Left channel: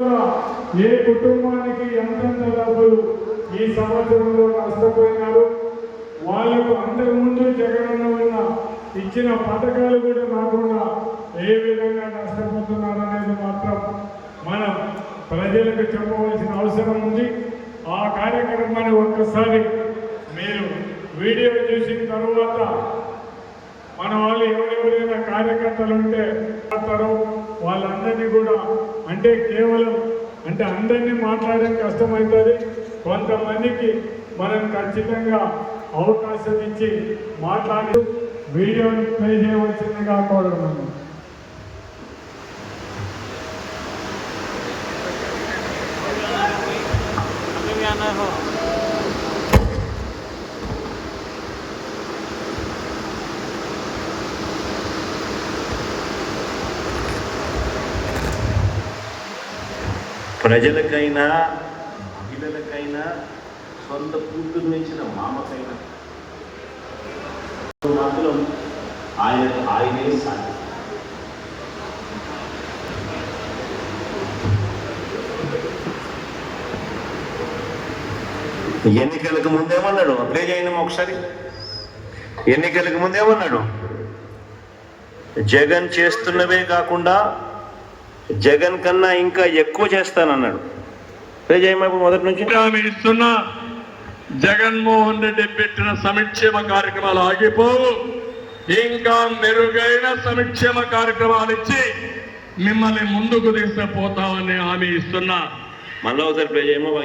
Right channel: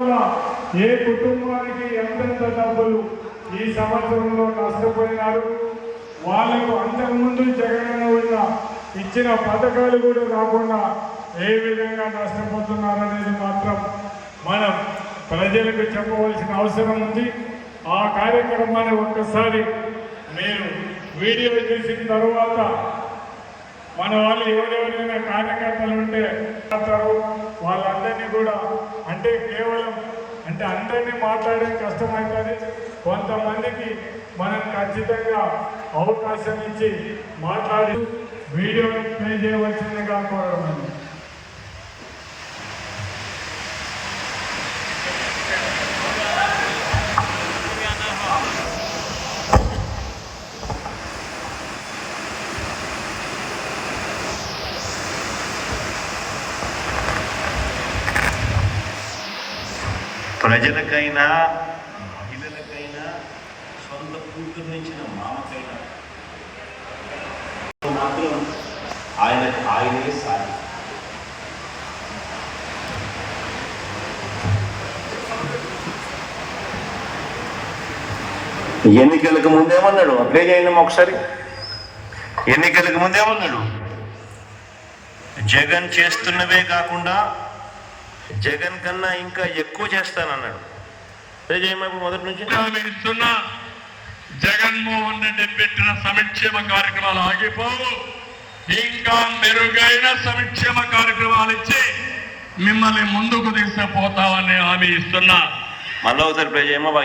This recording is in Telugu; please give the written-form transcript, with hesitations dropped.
ఏ కుటుంబానికి ఎంతెంత డబ్బులు ఈ సంవత్సరంలో నష్టపోయినారు, వాళ్ళకు అంతకుముందు జగన్ ఉన్న ఇచ్చిన పథకాలు కూడా రాకుండా ఏ విధంగా నష్టపోతున్నారనేది మాత్రం మనం ప్రజలకు చెప్పవలసిన అవసరం ఉంది. ఆ కార్యక్రమాన్ని ఒక్కసారి మీరు వీడియో చూసిన తర్వాత మన వాళ్ళు ఎవరెవరైనా కార్యకర్తలు ఉంటే వాళ్ళందరినీ కూడా అంటే కేవలం అంటే అందరినీ మాట్లాడడం కష్టమవుతుంది. కొంతమందికి మనం ఖచ్చితంగా అవకాశం ఇచ్చి మాట్లాడి వీడియో ప్లే చేయవలసిందిగా కోరుతున్నాను. ప్రజలకైనా మహిళలకైనా సొంత కూతురు ఇచ్చిన మామకైనా మాత్రం ఆయనకు ఆయనే సాధి. ఎన్నికలకు ముందేమన్నాడు? అప్లై చేయండి ఒకసారి. ఎన్నికలకు ముందేమన్నాడు? జగన్ చేస్తున్నవే కాకుండా జగన్ కన్నా ఇంకా ఎక్కువ చేస్తానన్నాడు. ఇప్పుడు మొదటి నుంచి ఇస్తున్న జగన్మోహన్ రెడ్డి పెట్టిన సంక్షేమ కార్యక్రమాలు ఆగిపోవు. ఇంకా మెరుగైన సంక్షేమ కార్యక్రమాలు ఇచ్చి మిమ్మల్ని ముందుకు తీసుకుపోతామని హామీ ఇస్తున్నా. మళ్ళీ ఒకసారి ప్లే చేయమా.